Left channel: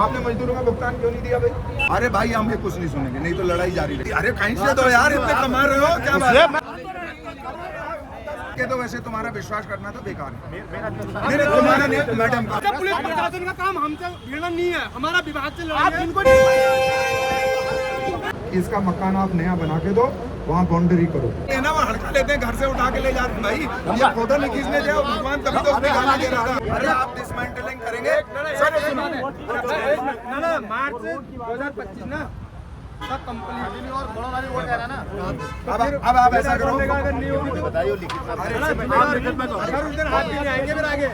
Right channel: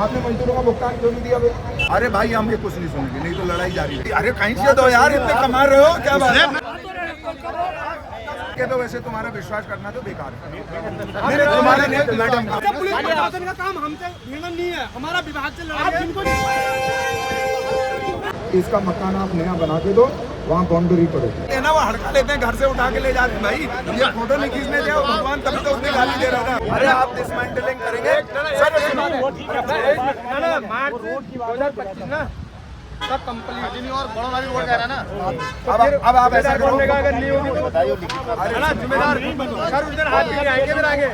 आपने मजदूरों का भुगतान क्यों नहीं दिया भाई? अरे भाई हम ये कुछ नहीं सुनेंगे, नहीं तो लड़ाई जारी रहेगी। अरे कहीं से दो यार, इतने कमा रहे हो क्या बात है? तो वैसे तुम्हारा विश्वास करना तो बेकार है। नहीं तुम्हारा नहीं मैडम, पुलिस प्रशासन का काम हमसे भिड़ना नहीं है, हमारा विभाग से लड़ाई। इसका मकान आप नया बना के दो, वहाँ बाउंड्री करो। ये ना वो हड़का लेते हैं, घर से उठा के ले जाते हैं। भाई ये फोटो नहीं खींचने दे, भगवान तभी तो उसने गाली दे रहा था। अरे आप डिसमेंटलिंग करेंगे सर? मार्च 2025 ना सब कंप्लीट अब आप ऐसा करो, अगर नहीं होगी तो अरे सर उधर हाथ नहीं आएंगे, इधर आएंगे।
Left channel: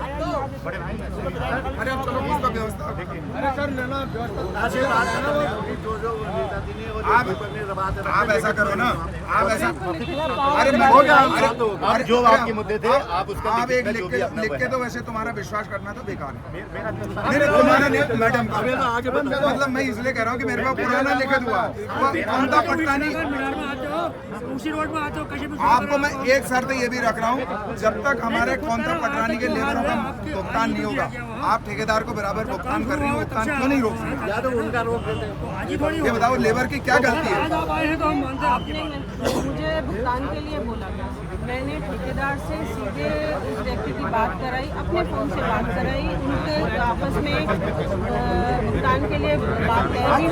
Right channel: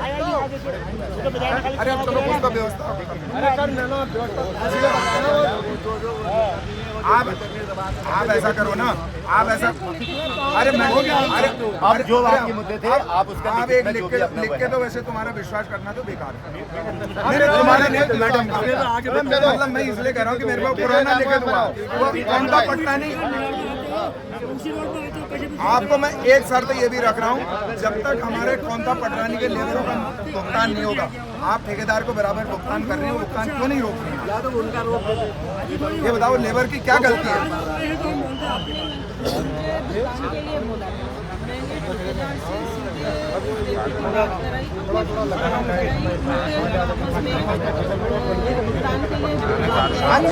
अरे अब चलो कुछ तो व्यवस्था अरे सर ना आप ऐसा करो ना, आप ऐसा, अरे मैं हो गया। अरे अब जो आपके मुद्दे थे आप उसका आप एक लिख के तो वैसे तुम्हारा विश्वास करना तो बेकार है। नहीं तुम्हारा नहीं मैडम, मतलब मैं इसलिए कह रहा हूँ कि मेरे पास पुराना लिखित हुआ वो कौन सा पड़ता नहीं। उसी रोड में आते हो कहीं भी। आपको मैं एक शर्त ये भी रख रहा हूँ, जब तक हमारे कौनता पटरानी के लेबरों का भुगतान नहीं होगा, आप ठेकेदार को बराबर भुगतान कर रही हो, भुगतान क्यों नहीं रोक रही हैं? या तो उनका रोक देते। ये बताओ लेबर की क्या गलती है? मुझे भुगतान के लिए बोला था, मैंने ठेकेदार से सीधे इस व्यक्ति की बात कराई, अपने फोन से बात कराई, उनके आपस में भुगतान के लिए बात कराई।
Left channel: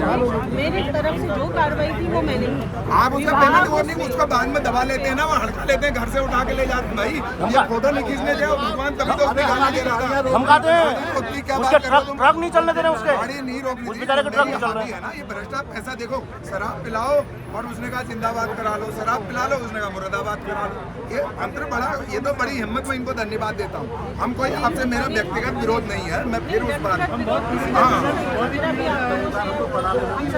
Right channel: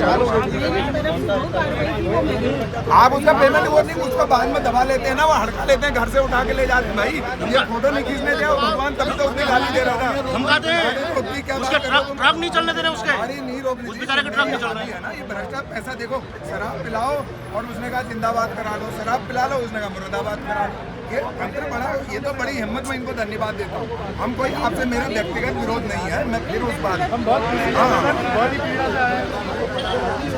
मेरी तरफ से जो कार्रवाई थी वो मैंने की। आप उसका पेमेंट वो नहीं, उसका बाद में दबा लेते हैं ना, वो हड़का लेते हैं, घर से उठा के ले जाते हैं। भाई ये फोटो नहीं खींचने दे, भगवान तभी तो उसने गाली दे रहा था। हम कहते हैं उसकी क्या बात कर रहे हो तुम? ट्रक नहीं चलने दे रहे उसके। गाड़ी नहीं रोकनी उस बेचारे का ट्रक नहीं चल रहा है ना, ये भ्रष्टा पैसा। देखो शराब पिलाओ और उसने कहा जिंदाबाद करा लो, शराब पिला लो उसने कहा मुर्दाबाद करा लो। ये अंतर बड़ा, ये तो बड़ी हिम्मत, मैं इनको धन्यवाद देता हूँ। हम कोई आपसे मेरा व्यक्तिगत विरोध नहीं है, मैं फिर उस बात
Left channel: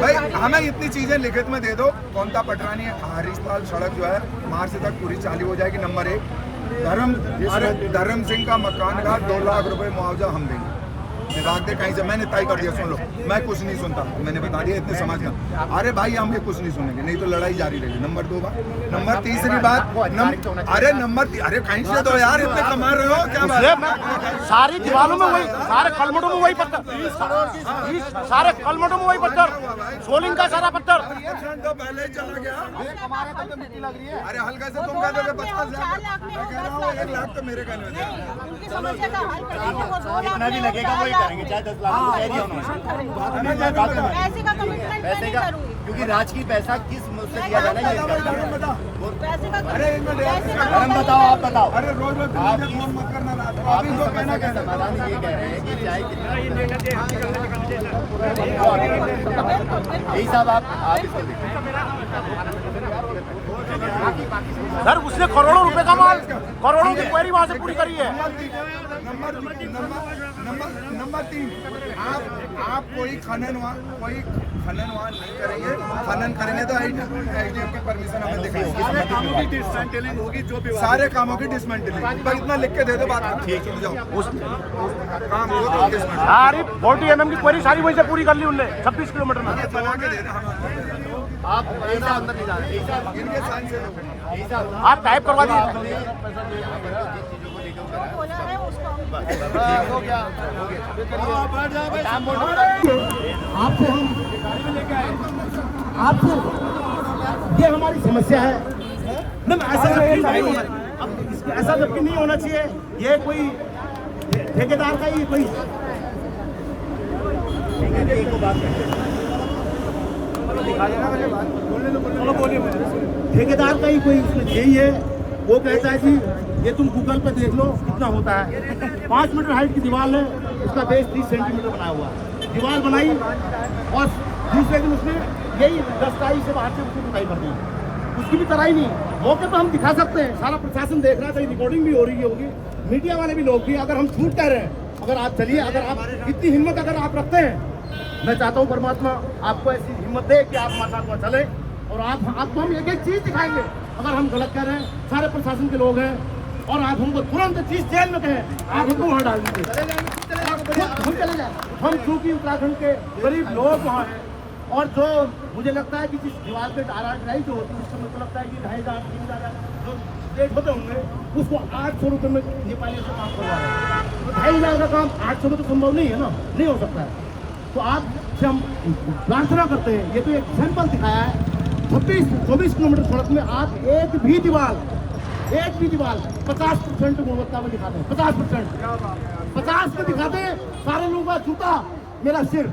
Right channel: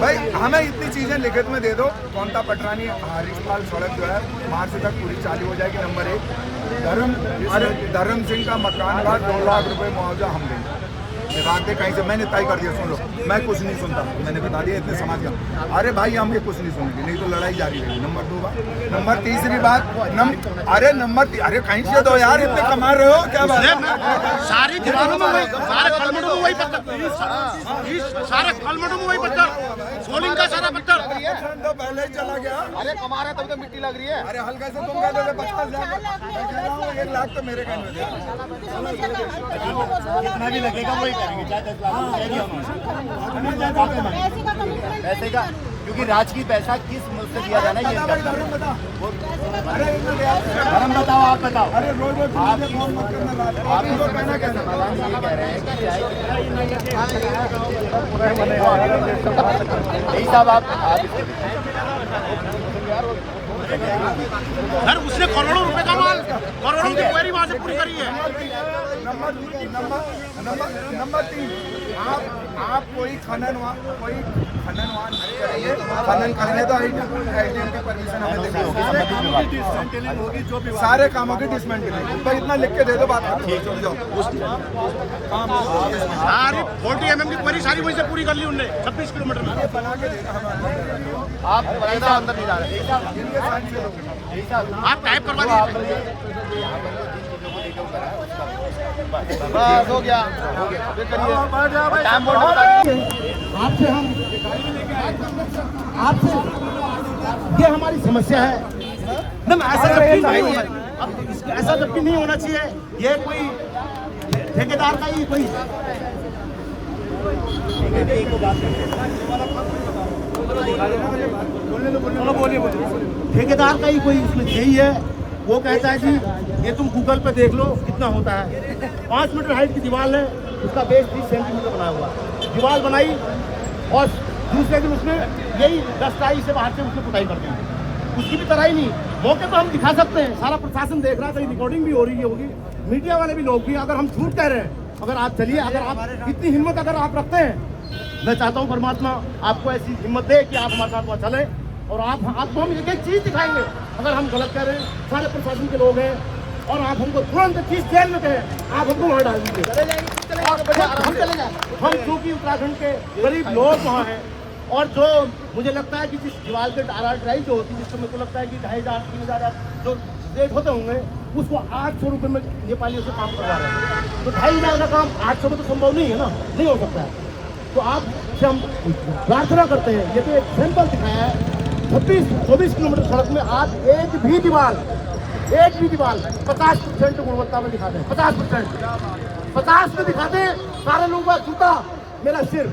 भाई हमें इतनी चीजें लिखित में दे दो। कौनता पटरानी हरीशपाल सड़क जो है मार्च तक पूरी चालू हो जाएगी। नंबर 1 धर्म सिंह का मकान का 2 लाख रुपए मुआवजा हम देंगे। विभाग दे कहीं से, मैंने तय कर दिया, सुन लो, मैं कुछ नहीं सुनता, मैंने बता दिया इतने समाज का। अरे भाई हम ये कुछ नहीं सुनेंगे, नहीं तो लड़ाई जारी रहेगी। नंबर 2 बात। नंबर तीसरी बात, अरे कहीं से दो यार, इतने कमा रहे हो क्या बात है? सारी दीवारों में वही, सारे कलमटों में वही पत्थर, सारे कलमटों में वही पत्थर, सोलिंग का सारा पत्थर। तो पहले ही चला गया। अरे हमारे तब तो मिट्टी लग रही है। अरे हल्का से तुम कह दोगे 50 लाख, मैं कह रहा हूँ 1 लाख तो मेरे कहने में। जितना भी लगेगा वही करेंगे, चाहे 10 लाख पैसे का, क्योंकि राजकीय पैसा किस मुझसे दिया जाना है। अरे धर्म बताओ, आप बताओ। अरे रोज रोज मुझे फोन मत करना रात को। अभी को कहना क्या था? हम ये कह रहे हैं कि चाहे यही साहब आप सर उसने करोड़ों रुपए का माल, करोड़ों की क्वेरी वहाँ से पूरी करी है। नंबर 3, आप कोई खनन वहाँ नहीं करेंगे। खनन करेंगे तो एसडीएम की परमिशन हमें देनी होगी। सारे कामों की डिसमेंटलिंग होगी, जो भी सारे कामों की डिसमेंटलिंग। तो इतना लिख के दे दो, बात चल जाओ। काम हो तो डिसमेंटलिंग। 40 mm की क्वेरी सारी वहीं से पूरी कर ली उनने 26 किलोमीटर में। बना के देना आप इनके साइन से लोग आप टाइप करवा दीजिए। आपसे ये हमारी समस्या है ना, ऐसा जबकि नहीं होना चाहिए। ये कोई ठेकेदार का ही कोई ठेकेदार का ही कोई यही है। वो कहता है कि ये तुम गूगल पे देख लो कितना होता है। 5 मीटर हाइट की दीवार है, उसका बेस 30 सेंटीमीटर बनाया हुआ है। दीवार बनाई और दूसरे दिन उसने यही 10 टाई से बाहर से उसने पुताई कर दी। उसकी भी तराई नहीं। मौके तो हम दिखा सकते हैं, सारा प्रशासन देख रहा है, कहीं रिकॉर्डिंग भी हो रही होगी, मीडिया वाले भी लोग भी। अगर हम झूठ कह रहे हैं, अगर आप चलिए, अगर आप इतनी हिम्मत अगर आप रखते हैं, मैं चाहता हूँ परमात्मा आपको ऐसी हिम्मत दे कि आप माता चले और आपको हम एक चीज दिखाएंगे। अगर हम गलत कर रहे हैं, सारे प्रशासन के लोग हैं और आप हमको तुरंत चीज जेल में कहें, आप हमको वहाँ डाल देंगे, हम चले जाए। हम चूंकि उत्तराखंड के गरीब लोग वहाँ हैं और जो मुझे लगता है कि जिस दीवार पे ट्राई जो होती है उसको मुझे लगता है कि 2,500 3,000 जो रेट होते होंगे, उसको 800 रुपये में नेपाली से काम करवा रहे हैं। तो 2,500 का काम 800 में तो संभव नहीं है ना, नहीं हो सकता है। तो आपसे हम प्रार्थना करते हैं, ये तो एक सैंपल दिखाया है, 26-24 किलोमीटर सड़क में आप एक भी दीवार 50% गुणवत्ता में दिखाते हैं, 50% में दिखाते हैं। सारे लोगों का जूता मेरा सिर,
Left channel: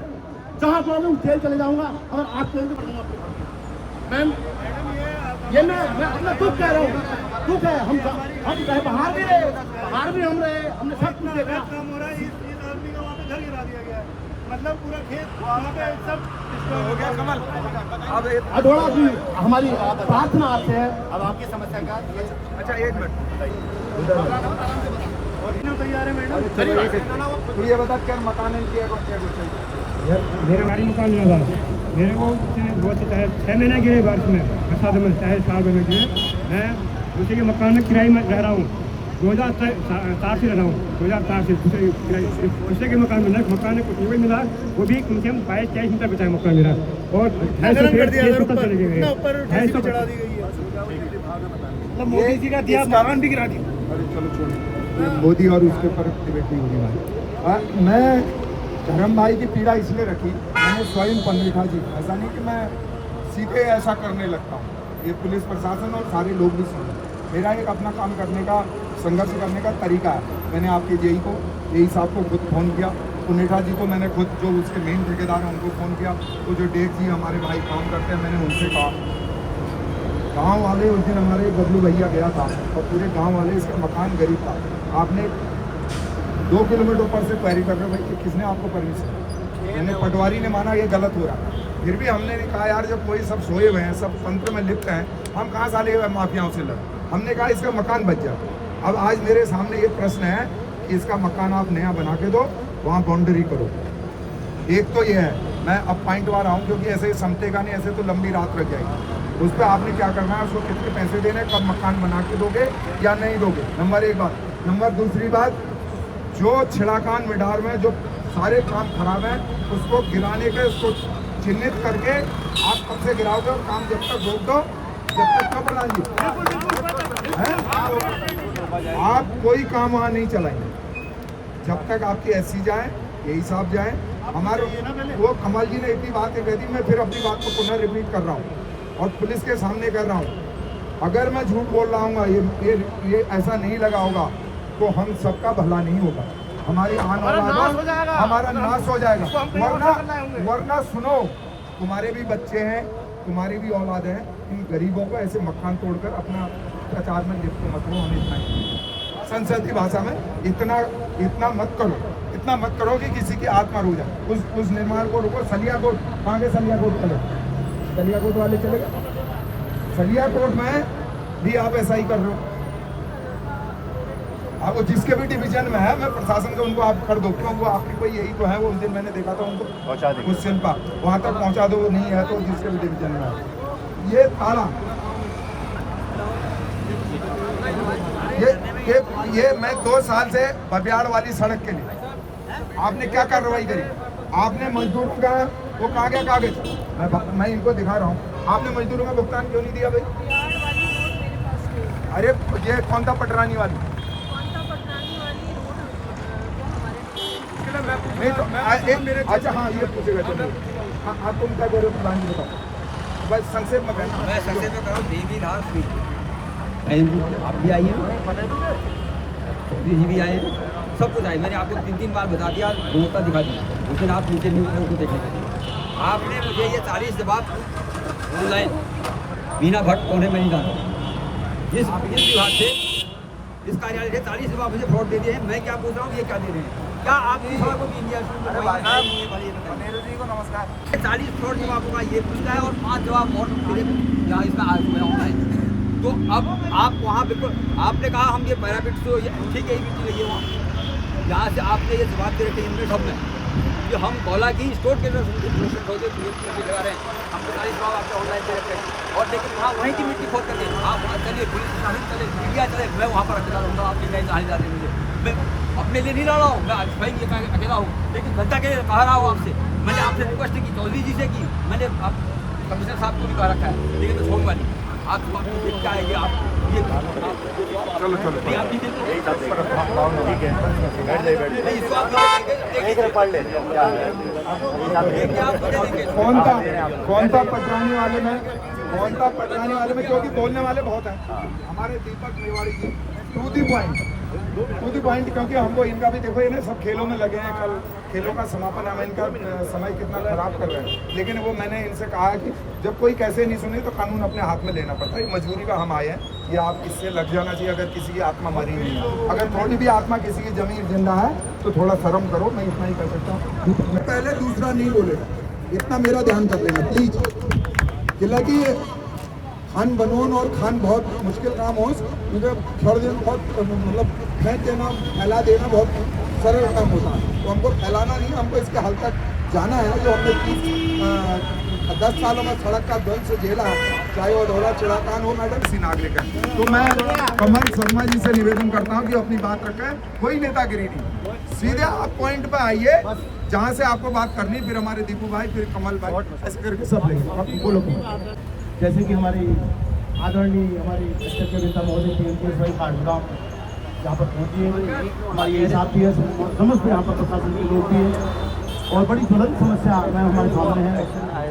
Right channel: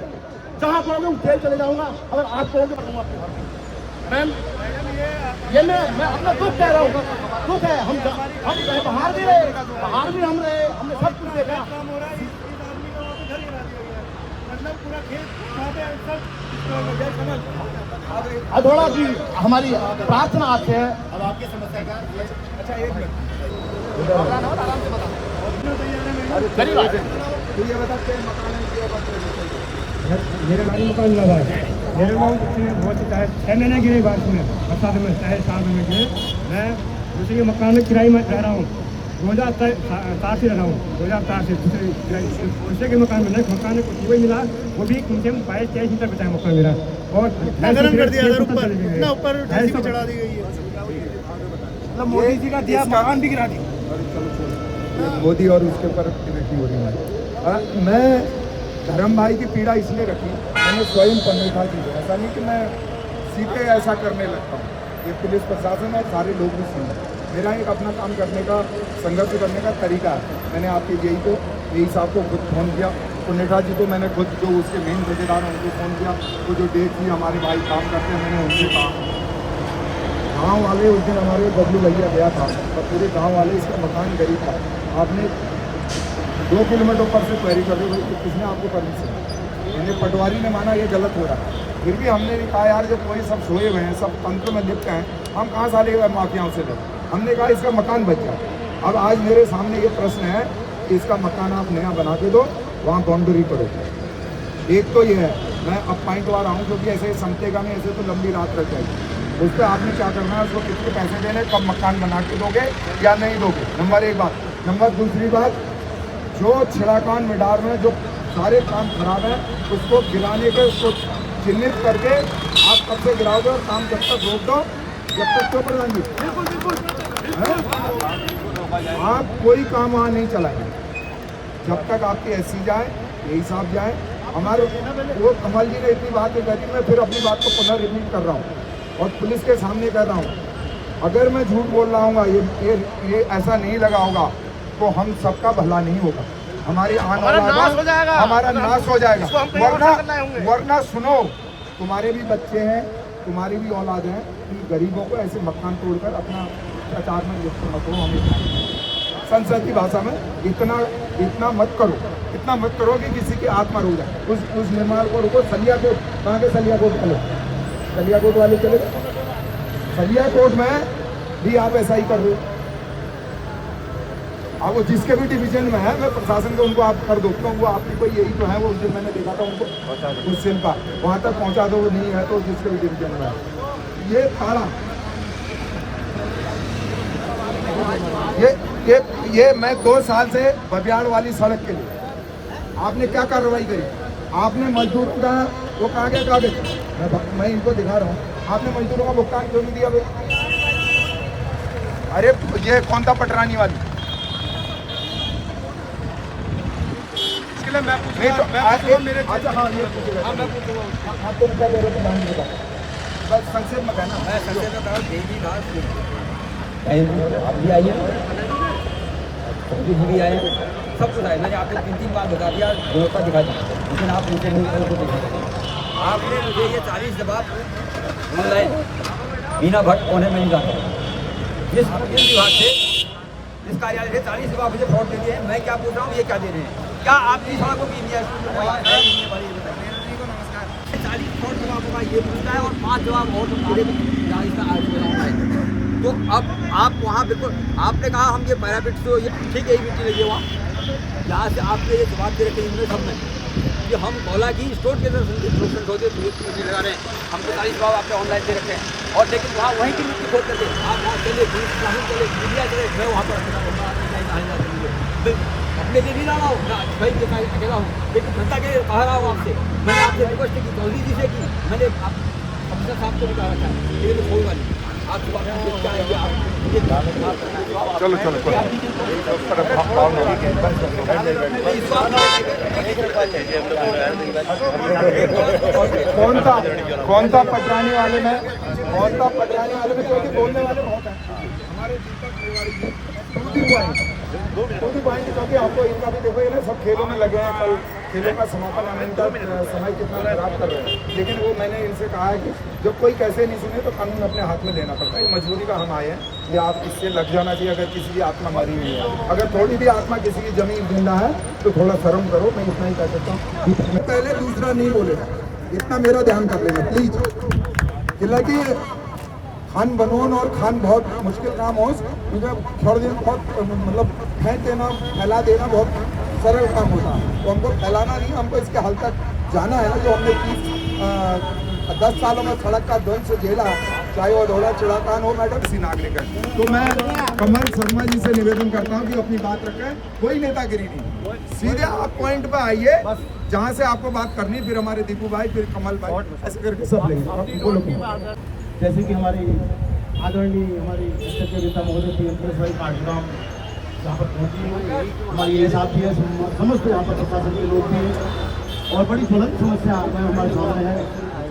जहाँ कहोगे मैं जेल चले जाऊंगा, अगर आप कहोगे मैं आपको घर दूंगा। मैम ये मैं अपना दुख कह रहा हूँ, दुख है। हम चाहे बाहर भी रहे, हमने सब कुछ देखा। काम हो रहा है, इस आदमी का वहाँ पे घर गिरा दिया गया है, मतलब पूरा खेत वहाँ पे सब डिस्ट्रॉय हो गया। कमल अधोड़ा की हमारी प्रार्थना आपसे है, अब आपकी समस्या का अच्छा एक मिनट तैयार है मैडम। तो ये बता क्या मकान है मेरे गाड़ी मकान मिला हुआ है। मेरे को बहुत ही चाहे 6 महीने गिरे बारिश में, बरसात में, चाहे 4 महीने गिरे। मैं दूसरे के मकान में किराए में रह रहा हूँ, 2004 से रह रहा हूँ, 2004 से दूसरे के मकान में नहीं, मकान में कुछ नहीं मिला, वो भी कम से कम 22-23 घंटा बचा है मकान मेरा। और मतलब मोदी जी का दिया मकान भी गिरा दिया। अरे चलो छोड़ो, मोदी और उसके ऊपर डिबेट नहीं हो रही हमारी। मैं धर्म भाई की पीड़ा इसलिए रखी, मैंने स्वयं पनवेठा जी को, ऐसा नहीं कि मैं सीधे ऐसा करने लगता हूँ, ये पुलिस प्रशासन और सारे लोग भी सुन रहे। मेरा एक अपना काम करने का, संघर्ष करने का तरीका है। मैंने आपके जेई को, जेई साहब को खुद फ़ोन किया, पनवेठा जी को मैंने खुद, जो उसके मेन ठेकेदार हैं उनको फ़ोन किया। वो जो डेट थी, हमारे भाई काम करते हैं, मैंने उनसे कहा। गाँव वाले उस दिन हमारे बबलू भैया गया था और पूरे गाँव वाले, इसका मकान गरीब था। आपने 2 किलोमीटर ऊपर से क्वेरी कर रहे हो भाई, किसने आपको परमिशन? मैंने पटवारी ने माना ये गलत हो रहा है, फिर भी हमने भी कहा यार जब कोई सब सोए हुए हैं, सब तंत्र में लिप्त हैं, हम कहाँ से लेगा माफियाओं से लड़। हमने कहा इसका मकान बच जाए। अब आज मेरे सामने ये प्रश्न है कि इसका मकान आप नया बना के दो, वहाँ बाउंड्री करो। एक तो ये है, मैं अब पॉइंट आ रहा हूँ क्योंकि ऐसे ही समझेगा नहीं, ऐसे तो लंबी रात रह जाएगी। उस पर आपने क्या करना है, उसको कितने पैसे देने, कब मकान बना के दोगे या नहीं दोगे, नंबर 1 बात। नंबर दूसरी बात, जो छिड़ाकान मिडार में जो सारे काम खराब हैं उसको गिराने के, उसको चिन्हित करके आप कब से गिराओगे और काम जब तक रोक दो, जब तक क्यों प्रधान जी? आप कोई काम वहाँ नहीं चलाएंगे जब तक आपके एससी जाए, यही साहब जाए। हमारे वो कमल जी ने इतनी बातें कह दी, मैं फिर अपनी बात को पुनः रिपीट कर रहा हूँ और पुलिस के सामने कह रहा हूँ, अगर मैं झूठ बोल रहा हूँ, ये ऐसा नहीं लगा होगा तो हम सबका भला नहीं होगा, हमारी आने वाला हमारा नाश हो जाएगा। वरना सुनो, तुम्हारे भी बच्चे हैं, तुम्हारी भी औलाद है कि गरीबों को ऐसे मकान तोड़कर अपना प्रचार में लिप्त मत हो। हम इतना संसद की भाषा में इतना मत करो कि किसी की आत्मा रो जाए। उस निर्माण को रुको। सलियाकोट, कहाँ के सलियाकोट चले? सलियाकोट वाले चले गए। सलियाकोट में भी आप ऐसा ही कर रहे हो। आप वो जिसके भी डिवीजन में है, मैं प्रशासन को उनको आप कर दो, क्यों वो आपकी कोई यही तो है। वो उस दिन मैंने देखा था उनको उस शिल्पा, वहाँ तक पहुँचा दो, नहीं है तो जिसके भी डिवीजन में है। ये थाना, ये मैं 2 साल से बबियाड़ वाली सड़क के लिए आपने क्या कार्रवाई करी? आपने मजदूरों का वो कहाँ गया कागज? मैं इनको दिखा रहा हूँ। आपने मजदूरों का भुगतान क्यों नहीं दिया भाई? अरे ये कौन था पटरानी वाली? अच्छा हाँ, ये पूछेगा आपको बस संक्षेप में कहना। मैं संक्षेप में कहूँ, देवी रात आप भी आइए, जी भी आए, सब कुछ आए। मैंने आपको 3 बार बता दिया, गुणवत्ता दिखा दी, लेकिन आप नीचे नहीं को देखें। आपने मुझे ये 40 जवाब ऑनलाइन मीना भट्ट कोने में नहीं जाता, जिस विभाग से, जिस कार्यालय से 40 जवाब मुझे फ्रॉड दे दिए हैं। मैं क्या पूछ रहा हूँ, ये क्या दे रहे हैं? क्या आप इस बात को भी इंडिया जी को नमस्कार, 40 फ्रॉड जवाब होगा ये पूछता है और 5 जवाब और इसका ऑनलाइन। तो अब आप वहाँ बिल्कुल आपने कहा हम ये पैरापिट तो ठीक है, मिट्टी लगी है वहाँ, यहाँ से आपने ये जवाब दे रखे इनमें सब में कि हम गौला की स्टोर के अंदर मिट्टी लगा रहे हैं, हमको 40 जवाब आपने ऑनलाइन दे रखे हैं। और लेकिन वहाँ वहीं की मिट्टी खोद करके आप वहाँ चले, पुलिस प्रशासन चले, मीडिया चले, मैं वहाँ पर अकेला रहूँगा, आपने कहीं जाने जाते मुझे, मैं अपने लिए नहीं लड़ा हूँ, मैं स्वयं अकेला हूँ, लेकिन जनता के कह रहा हूँ आपसे। मैंने आपसे रिक्वेस्ट की, चौधरी जी से की, मैंने कमिश्नर साहब को भी कहा रखा है, लेकिन मैं छोड़ूंगा नहीं। आप क्या आएंगे आप चलो कौन था पटरानी वाले में क्योंकि बोलने वाले बहुत हैं हमारे दीपक मेवाड़ी जी। टू दी पॉइंट क्योंकि हमको इनका भी देखो ये ना सब खेलों में लगे हैं। कल खेलों का समापन है, इनका समय कितना खराब कर रहे हैं। लेकिन वो मैंने इनसे कहा है कि जब कोई कैसे नहीं सुने तो कानून अपने हाथ में लेना पड़ता है। मजबूरी का हम आए हैं, ये आप इससे लग जाना चाहिए। अगर किसी की आत्मा मरी नहीं है, अगर थोड़ी भी आत्मा किसी की जमीन जिंदा है तो थोड़ा शर्म करो। मैं इतना ही कह सकता हूँ। पहले दूसरा नहीं बोलेगा, इतना मेरा ध्यान कर लेना प्लीज। हालांकि खान बनोन और खान बहुत मुश्किल काम हो, मुझे छोड़ देना बहुत मतलब फेंक देना फैला देना बहुत सरल काम होता है। तो हमको फैलाना नहीं, हमको इसके हल तक जाना है। जो हमने 10 सालों में सड़क का ध्वंस झेला, चाहे वो दौड़ा चढ़ाकान हो मैडम सी नागरिक है। तो मैं कमल शर्मा जी से निवेदन करता हूँ कि अपनी बात रखें, कोई नेतागिरी नहीं, सीधे आप पॉइंट पे आइए जहाँ से आपको बात करनी। फिर हमारे दीपू भाई, फिर कमल भाई, ऐसे करके सब लेंगे। बोलो। जैसे कि हमारी आदरणीय हमारी अध्यक्ष नेता महोदय श्री पुलिस भाई काठगांव यहाँ पर पहुँची, हमारे ये साथी है, समस्त यहाँ पर प्रशासन के लोग भी हैं और बड़ी ज्वलंत समस्या हमारे सामने है।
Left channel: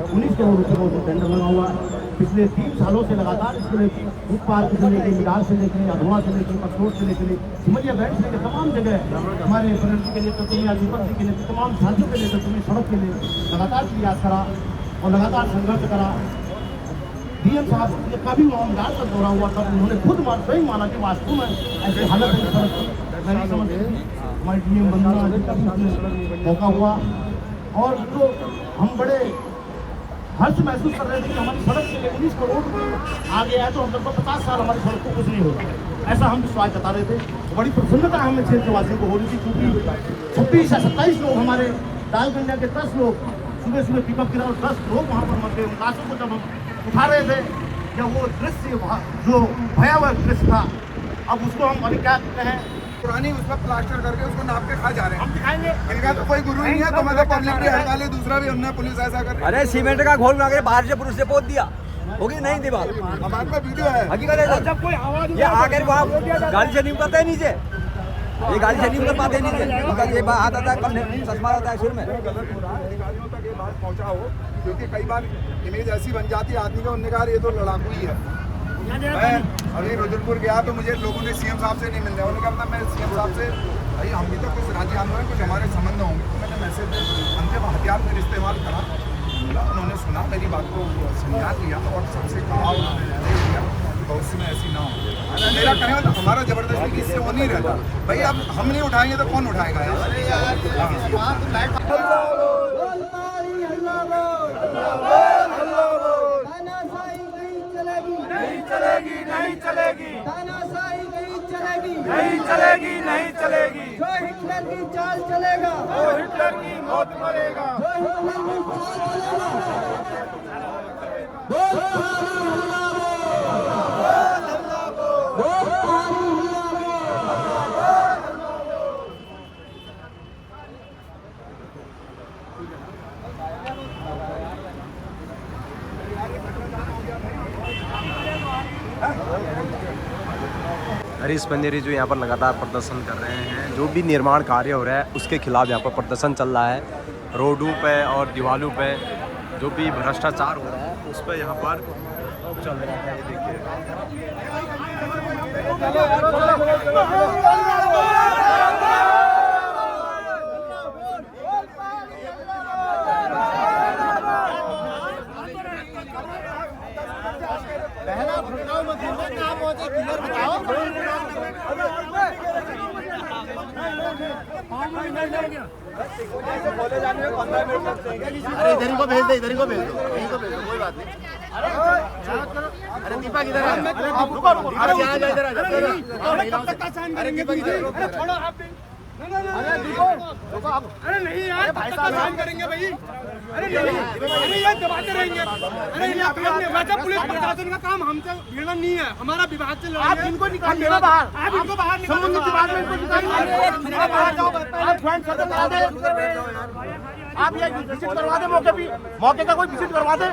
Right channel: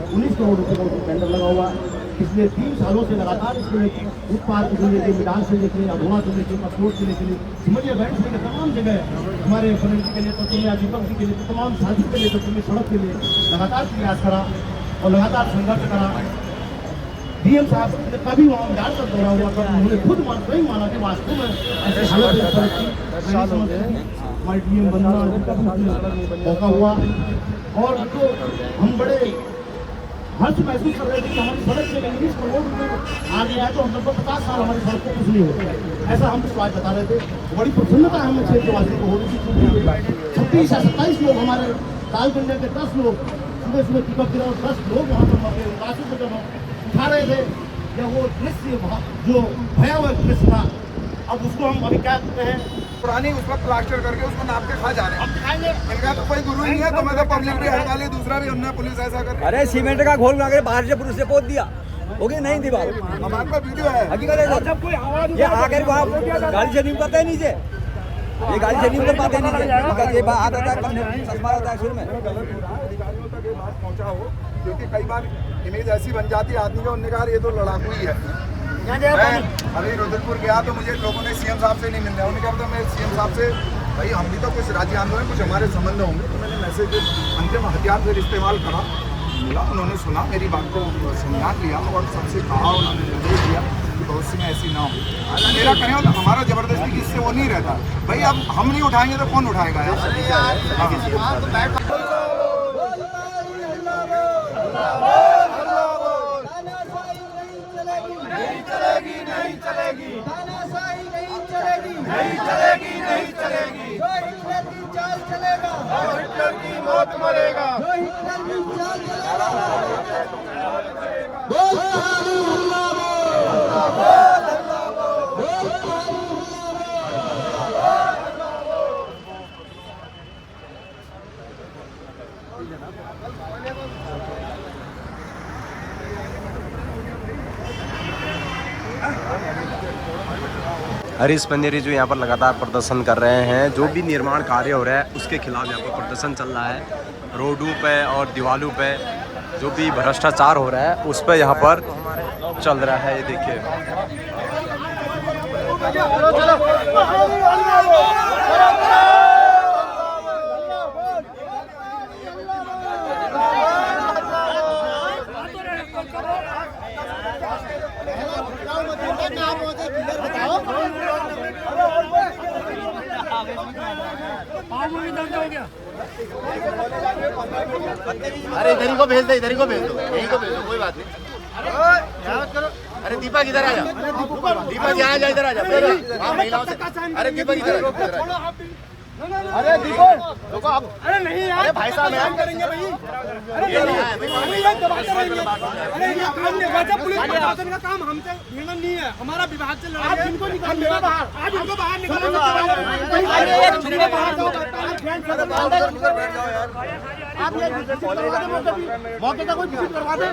19 करोड़ रुपये का उसमें टेंडर लगा हुआ है। पिछले 3 सालों से लगातार इसके लिए फुटपाथ से लेकर मिडाल से लेकर अधुआ से लेकर कसरोट से लेकर सिमरिया बैंड से लेकर तमाम जगह हमारे प्रणब जी के लिए, तत्मिया जुतम जी के लिए, तमाम साथियों के लिए सड़क के लिए लगातार प्रयास करा और लगातार संघर्ष करा। डीएम साहब ने कभी वहाँ मिडाल तक दौरा हुआ तब उन्होंने खुद सही माना कि वास्तव में ऐसे हालत हमारे डीएम बनना हुआ और जो हम बड़े हर्ष महसूस कर रहे थे कि हमारी सड़क से 19 करोड़ में आ गया है, तो हम 50 साल हमारी सड़क को कुछ नहीं होता, ऐसा हम विश्वास जता रहे थे। बड़ी प्रसन्नता हमें क्षेत्रवासियों को हो रही थी क्योंकि 26 या 27 लोग हमारे कालगंजा के 10 लोग सुबह पिकअप किया और 10 लोग वहाँ पर मर गए। उन लाशों को जब हम उठा रहे थे, या वो दृश्य जो भयावह दृश्य था, अब उसको हम अभी क्या कहें, पुरानी उस पर प्लास्टर करके उसको नाप के खा जा रहे हैं। हम दिखाएंगे इनका तो कोई गुरु नहीं है, तो मतलब पब्लिक भी हटा ले, दूसरा भी हमने पुलिस ऐसा कर रही है। अरे सीमेंट का घोल लगा बाहर से पुलिस से पोत दिया, होगी नहीं दीवार। हमारे पास वीडियो है। हकीकत है, जब कोई आवाज गाड़ी से नहीं उतरता है नीचे, ये गाड़ी से नहीं उतर पाते नीचे, ये बात आता है शुरू में गलत हो रहा है, अधिकारियों तक ये बात पहुंचा हो, क्योंकि कई बार इमेज ऐसी बन जाती है आदमी का, उन्होंने कहा ये तो लड़ाकू ही है। मैं अभी रुद्रपुर गया तो मुझे लोगों ने सीएम साहब से नहीं मिल रहा, उन्होंने कहा था मैं सीएम साहब से, भाई हम भी तो कुछ राज्य आंदोलन कुछ हमारे संबंध होंगे, तो मैंने मैसेज अंतिम हथियार फिर इस्तेमाल करा, मिला, उन्होंने सुना मेरी बात को, संज्ञान लिया और सबसे कहा, उन्होंने निर्देश दिया कि भविष्य में ऐसी ना हो। मेरा कहने वाला हमारा जबरदस्ती की इससे वो नहीं रहता भाई, अब हम नहीं उठाएंगे तो कौन उठाएगा यार। नहीं चलेगी, नहीं चलेगी, नहीं चलेगी। जो हिटलर की चाल चलेगा, वो हिटलर की मौत मरेगा। जो हिटलर की चाल हरीश बंदेरी जो यहाँ पर लगातार प्रदर्शन कर रहे हैं, जो भी निर्माण कार्य हो रहा है उसके खिलाफ यहाँ पर प्रदर्शन चल रहा है। रोडों पे और दीवारों पे जो भी भ्रष्टाचार हो रहा है उस पर यहाँ पर चल रहा है। ये देखिए अरे इधर को भेज दे, इधर को भेज दे, यही को भेज दे, कोई बात नहीं। अरे दीपक इधर आ, दीपक यहाँ जा, इधर आ जा। अरे दीपक इधर, छोड़ो आप। अरे दीपक, अरे नहीं यार, भाई साहब काम करेंगे भाई। अरे नहीं, अरे ये दबाते रहेंगे। अरे ये काम नहीं, वैसे पुलिस प्रशासन का काम हमसे भिड़ना नहीं है, हमारा विभाग से लड़ाई है। आप इनको निकालिए बाहर, आप इनको बाहर निकालो। आप ये विजिट करवा दे, मौके का कोई विजिट करवा दे।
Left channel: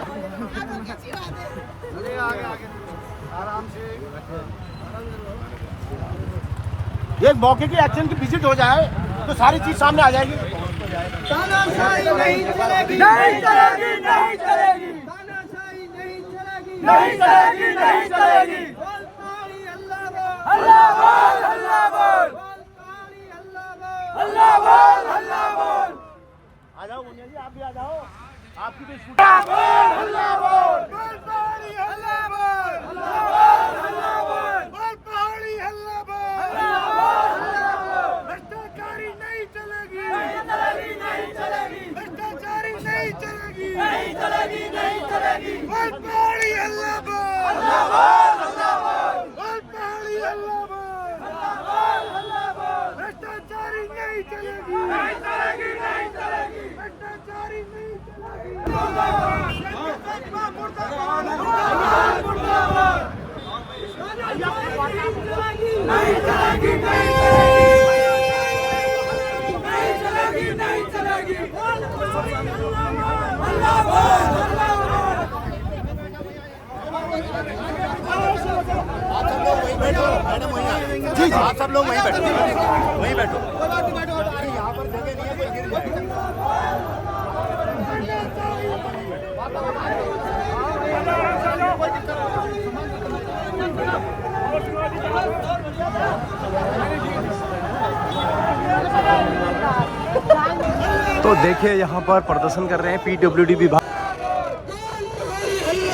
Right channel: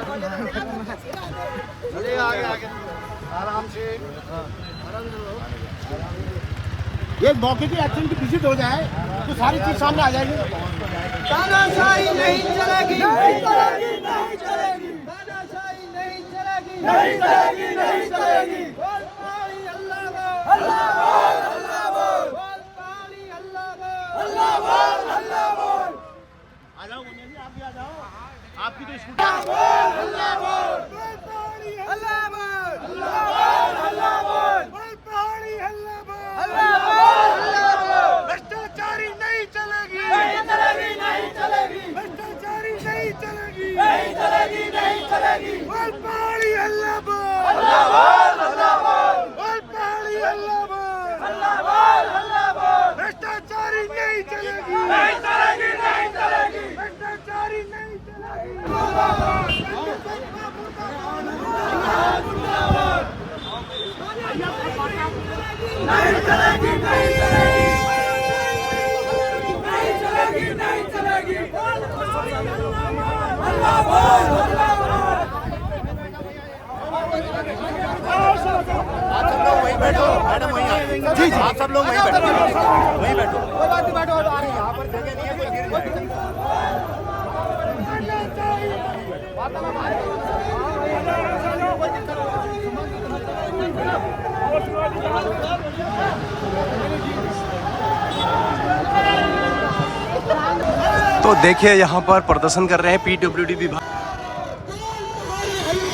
ये मौके की एक्शन की विजिट हो जाए तो सारी चीज सामने आ जाएगी। तानाशाही नहीं चलेगी, नहीं चलेगी, नहीं चलेगी, तानाशाही नहीं चलेगी, नहीं चलेगी, नहीं चलेगी। बोल पारी अल्लाह बोल, अल्लाह बोल, अल्लाह बोल, बोल पारी अल्लाह बोल, अल्लाह बोल, अल्लाह बोल। आ जाओ मुनिया जी, आप भी आ जाओ, आपकी तो स्कूटी। अल्लाह बोल, बोल पारी अल्लाह बोल, अल्लाह बोल, अल्लाह बोल, बोल पारी अल्लाह बोल, अल्लाह बोल, अल्लाह बोल। भ्रष्टाचारी नहीं चलेगी, नहीं चलेगी, नहीं चलेगी, भ्रष्टाचारी नहीं चलेगी, नहीं चलेगी, नहीं चलेगी। बोल पारी अल्लाह बोल, अल्लाह बोल, अल्लाह बोल, बोल पारी अल्लाह बोल, अल्लाह बोल, अल्लाह बोल। भ्रष्टाचारी नहीं चलेगी, नहीं चलेगी, नहीं चलेगी, भ्रष्टाचारी नहीं चलेगी। नहीं चलेगी, नहीं चलेगी, नहीं चलेगी, नहीं चलेगी। अल्लाह बोल, अल्लाह बोल। आप सब लोग वहीं बैठो, मैडम वहीं आएंगे। जी जी, आप सब लोग वहीं बैठो, वहीं बैठो। यहाँ पर जगह नहीं है, कोई गिर जाएगा। तो देखिए यहाँ पर प्रदर्शन कर रहे हैं पीडब्ल्यूडी विभाग।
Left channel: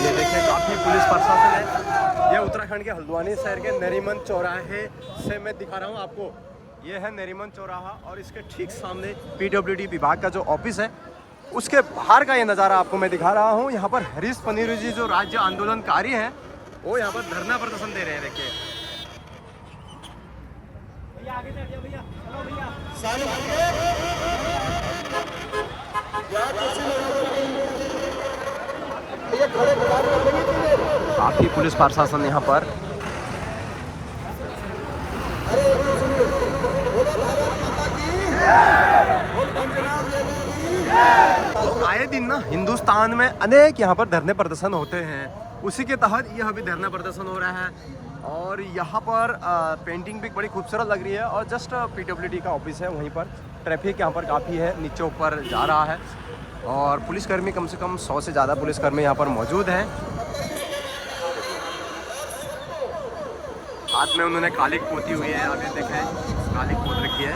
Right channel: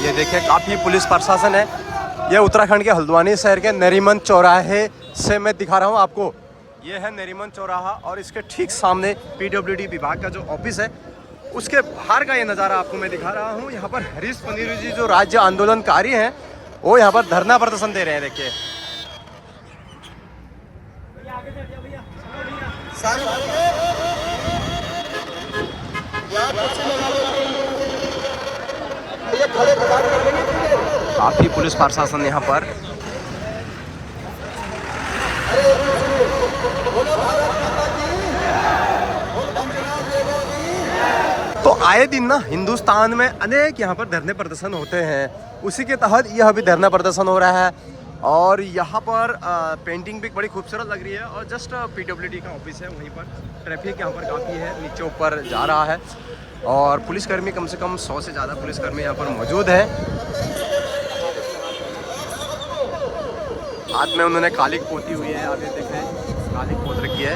ये देखिए काफ़ी पुलिस प्रशासन है। ये उत्तराखंड के हल्द्वानी शहर के नरीमन चौराहे से मैं दिखा रहा हूँ आपको। ये है नरीमन चौराहा और इसके ठीक सामने पीडब्ल्यूडी विभाग का जो ऑफिस है उसके बाहर का ये नज़ारा आपको मैं दिखा रहा हूँ। यहाँ पर हरीश पनीरू जी जो राज्य आंदोलनकारी हैं वो यहाँ पर धरना प्रदर्शन दे रहे हैं। देखिए काफी पुलिस प्रशासन यहाँ पर। तो आए दिन ना हिंदुस्तान में अनेक यहाँ पर धरने प्रदर्शन होते हैं, उसी के तहत यह भी धरना प्रदर्शन हो रहा है। और यहाँ पर पेंटिंग भी बड़ी खूबसूरत लग रही है और जस्ट पीडब्ल्यूडी का ऑफिस है वहीं पर। ट्रैफिक यहाँ पर काफ़ी है, नीचे ऊपर जा रहा है और पुलिसकर्मी कम से कम 100 से ज़्यादा पुलिसकर्मी यहाँ पर मौजूद हैं। हाथ में उन्होंने कालिक पोती हुई है, आप ये देखें कालिक पोत रखी है।